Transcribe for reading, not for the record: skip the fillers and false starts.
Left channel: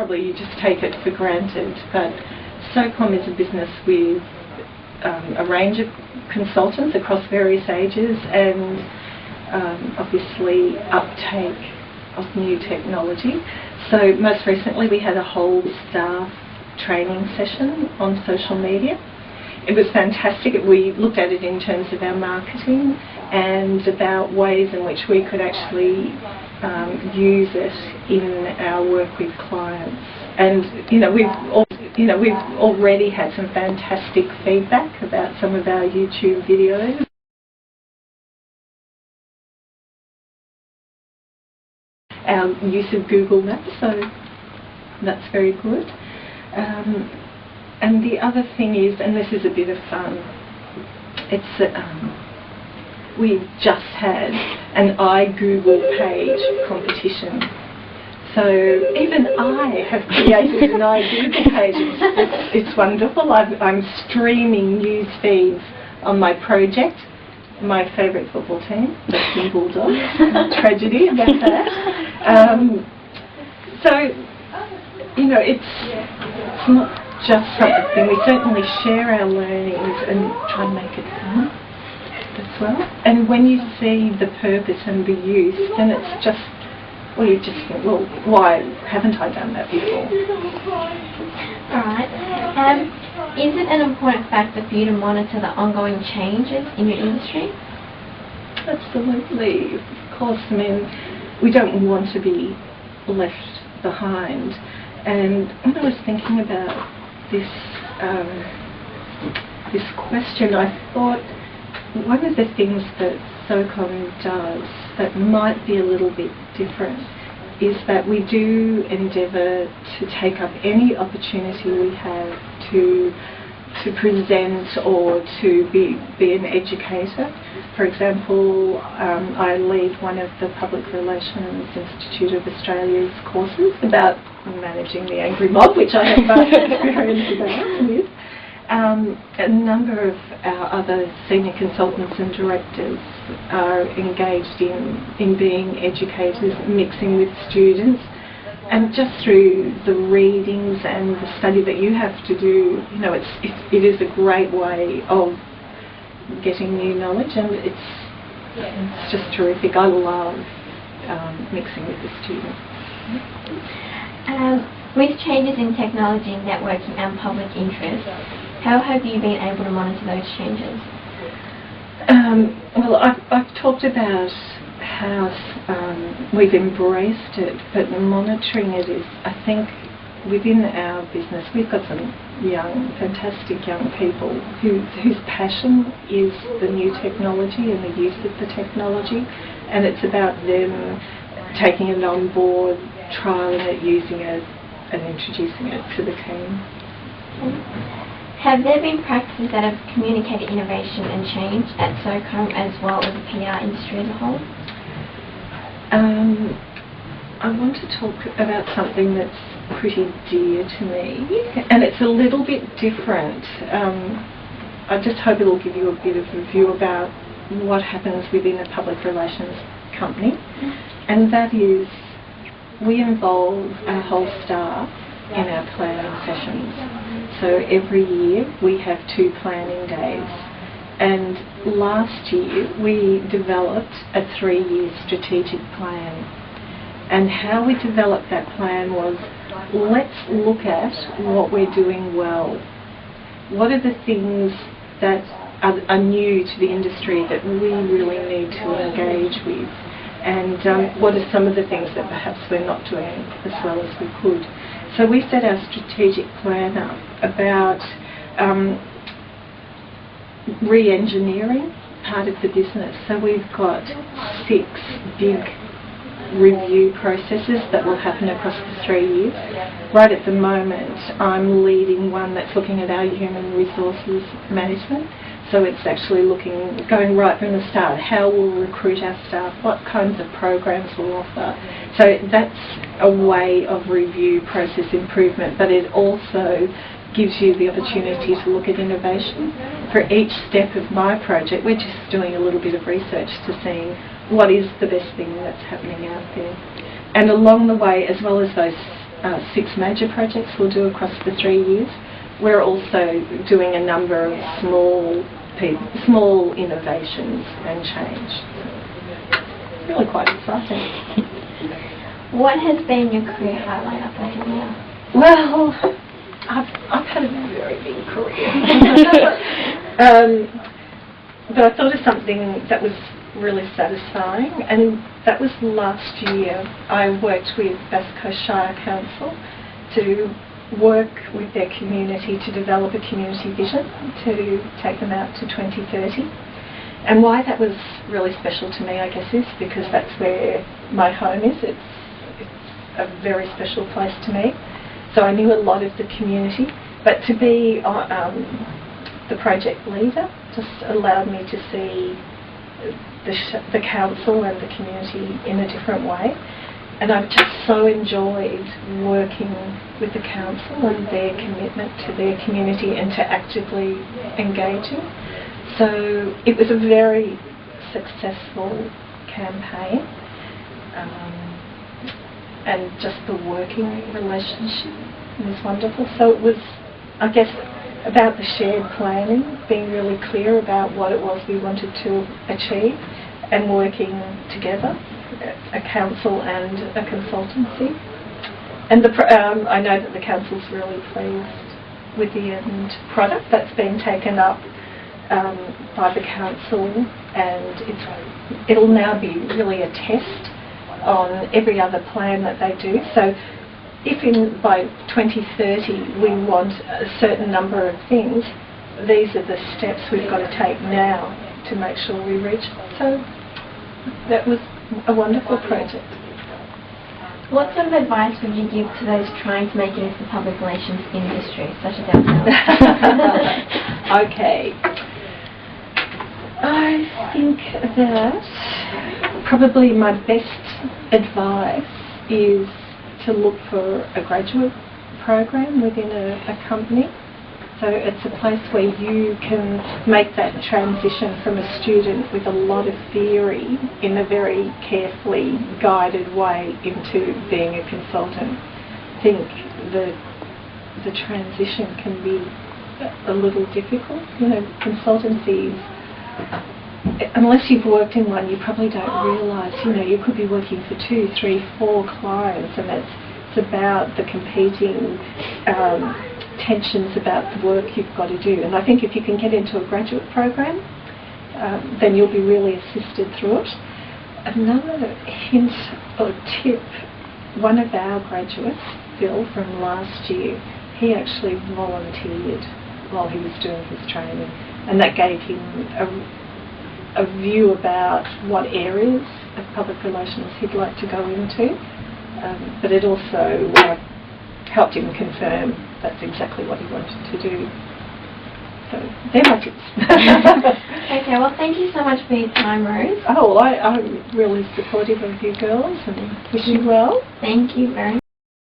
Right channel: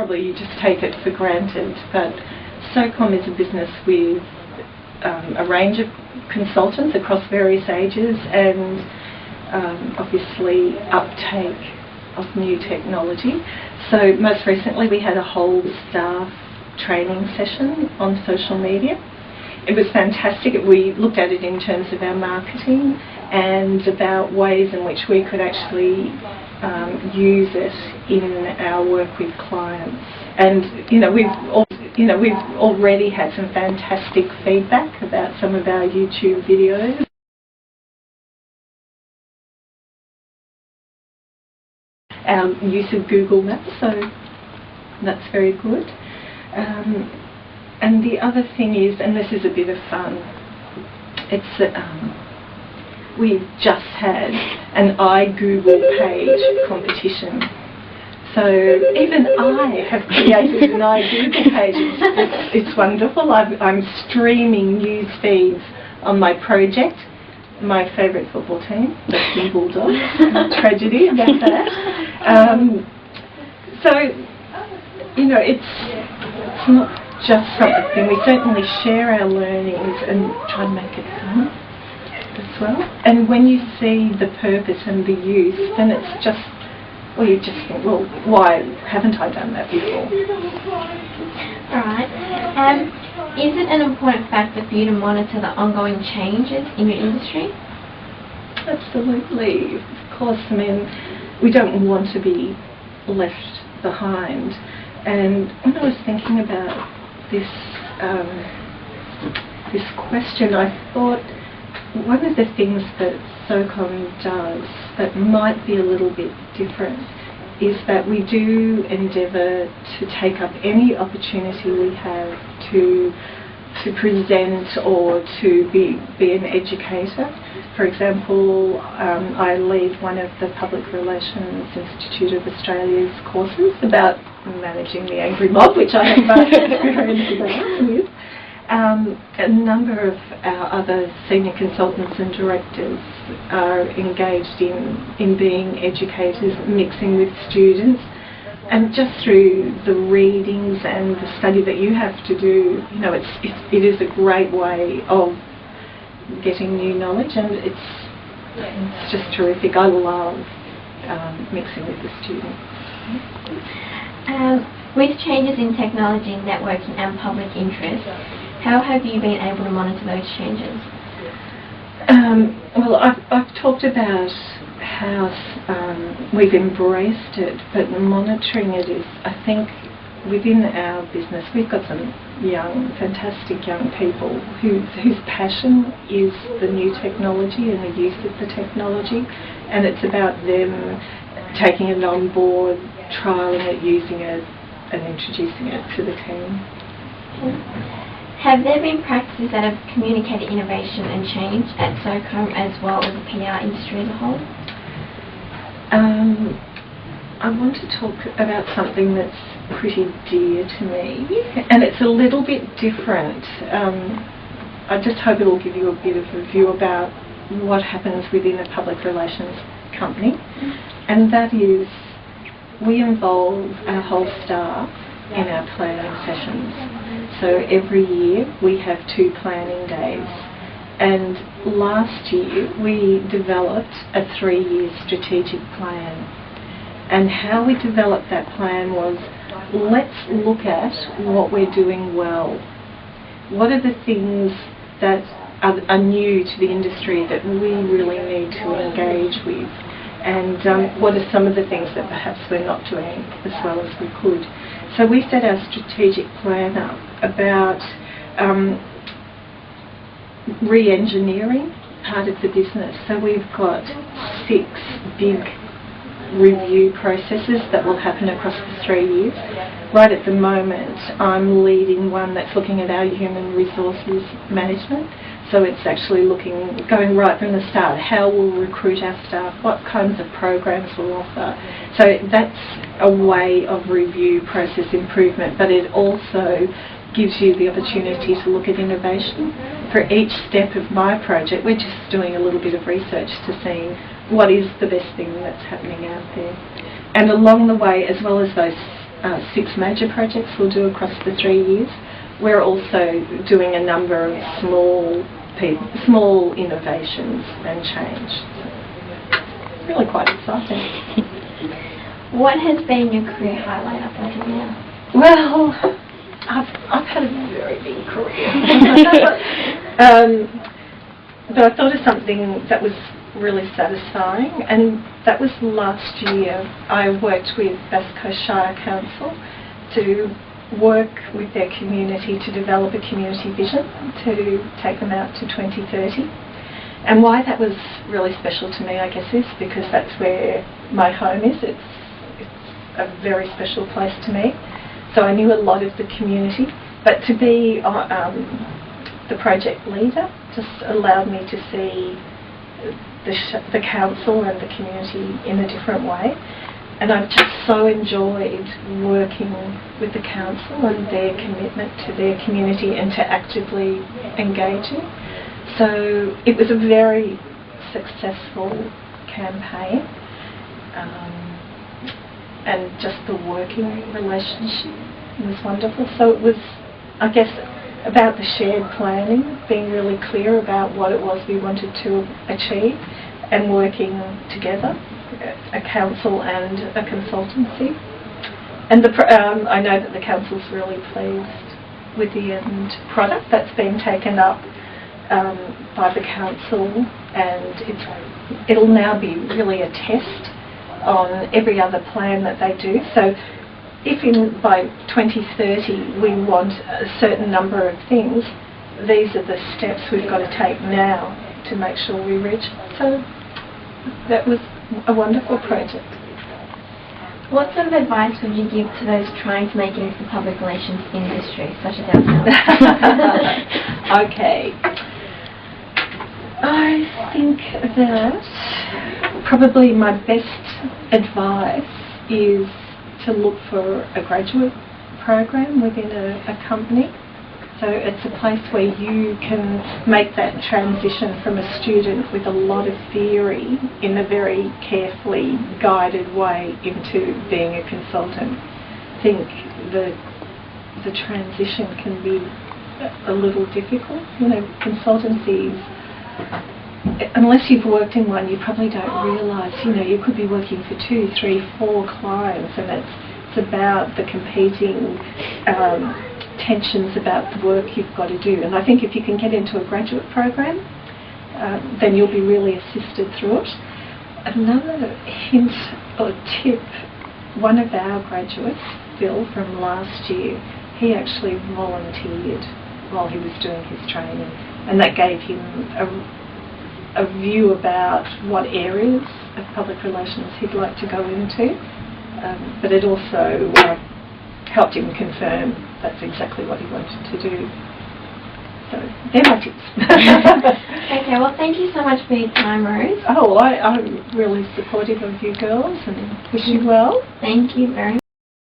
Probably you just take it for granted, but SoCom is a business with a range of consultants across various ages and obviously uptake of new technology. So most recently we had a whole staff training session on social media. It was fantastic. We looked at it in terms of our marketing and about ways in which we could actually use it in our work with clients. And we've already had some fantastic feedback about some of our YouTube videos. Our use of Google Maps, so that's very good. And the other thing is, and this is a bit of fun, it's that we've just had an iGoogle page competition. So even I have created an iGoogle page. It's wonderful. I'm streaming news feeds on my project. My favourite football team, the Bulldogs. Tragedy about that. So, it's not just something. We certainly share our learnings and try and make it fun as well. And when you see the purpose and the use, then it's just, you just think, well, why haven't I done that before? Alright. Is it an important factor for you to monitor the ongoing changes in your industry? Absolutely. Of course, I mean, we don't want to be left behind. And when I was thinking about this question, I thought one of the things that SoCom does that might be a little bit different is that we do endeavour to take up any opportunity we have to present or to be an educator. For example, I lead one of the Public Relations Institute of Australia's courses about managing the angry mob, which I have vast experience with. A number of our other senior consultants and directors are engaged in being educators, mixing with students, and just through the readings and the study that you have to do, it is a great way of getting new knowledge, and it's just terrific. I love mixing with the students. With changes in technology, networking and public interest, how have you been able to monitor those changes? Well, I've talked about how we've embraced it, but monitoring it is, I think, within our business, we've got some fantastic young people whose passion is the new technology and the use of the technology, and it's about them taking it on board, trialling it, using it, and introducing it to the team. Have there been practices that have communicated innovation and change at SoCom as well as the PR industry as a whole? I want to talk about something that's pretty dear to me, and it's a little bit different. I just hope it'll give you a bit of a view about what happens within a public relations company, and that is we involve our whole staff in our planning sessions. So every year we have 2 planning days, and last year we developed a 3-year strategic plan. And how we developed that plan was, let's look at what we're doing well. What are the things that are new to the industry that we really need to engage with? And what are some of the things that perhaps we're not doing as well as we could? So we set our strategic plan up about re-engineering part of the business. So we've got 6 big review processes that will happen across the 3 years. Right at the moment, I'm leading one that's looking at our human resources management. So it's actually going right from the start, how we'll recruit our staff, what kinds of programs we'll offer. So that's a way of review process improvement, but it also gives you the opportunity to look at innovation. For each step of my project, we're just doing a little bit of research to see what is the best thing that's happening out there. And along the way, as well as those 6 major projects we'll do across the 3 years. We're also doing a number of small innovations and change. It's really quite exciting. What has been your career highlight up until now? Well, I've had a very big career. But I thought of something that was really satisfying, and that was last year. I worked with Bass Coast Shire Council to work with their community to develop a community vision to take them out to 2030. And why that was really special to me, I guess, is because that's where my home is. It's a very special place to me. So I knew a lot of the community, but to be the project leader just allowed me to see the council and the community in a different way. And I've just so enjoyed working with the council and their commitment to their community and to actively engaging. So it was a very successful campaign, and just the working relationship was wonderful. So it was, I guess, about the shared planning, being really clear about what it was we wanted to achieve and working together, a council and a consultancy. And I know that the council's really pleased with the end product that's been taken up by the council, and it'll now be really a test on every other plan that they do. So if by 2030 we want a certain number of things, these are the steps we've got to take now to make sure we reach. So that was a wonderful project. What sort of advice would you give to those trying to make it into the public relations industry, such as ourselves? Okay. I think that probably my best advice is to look for a graduate program within a company. So it's a place where you can make that transition from a student with a lot of theory in a very carefully guided way into being a consultant. I think the transition can be a little difficult. You know, consultancies, unless you've worked in one, you probably don't realise, you know, you could be working for 2, 3, 4 clients, and it's about the competing tensions about the work you've got to do. And I think if you can get into a graduate program, then you'll be really assisted through it. Another hint or tip, one of our graduates, Phil, from last year, he actually volunteered while he was doing his training, and that gave him a view about what areas of public relations he'd like to go into, but it also helped him confirm that's exactly what he wanted to do. So they're my tips. Okay, well, thank you so much for your time, Rose. Oh, well, I'm really supportive of you girls and wish you well. Thank you very much.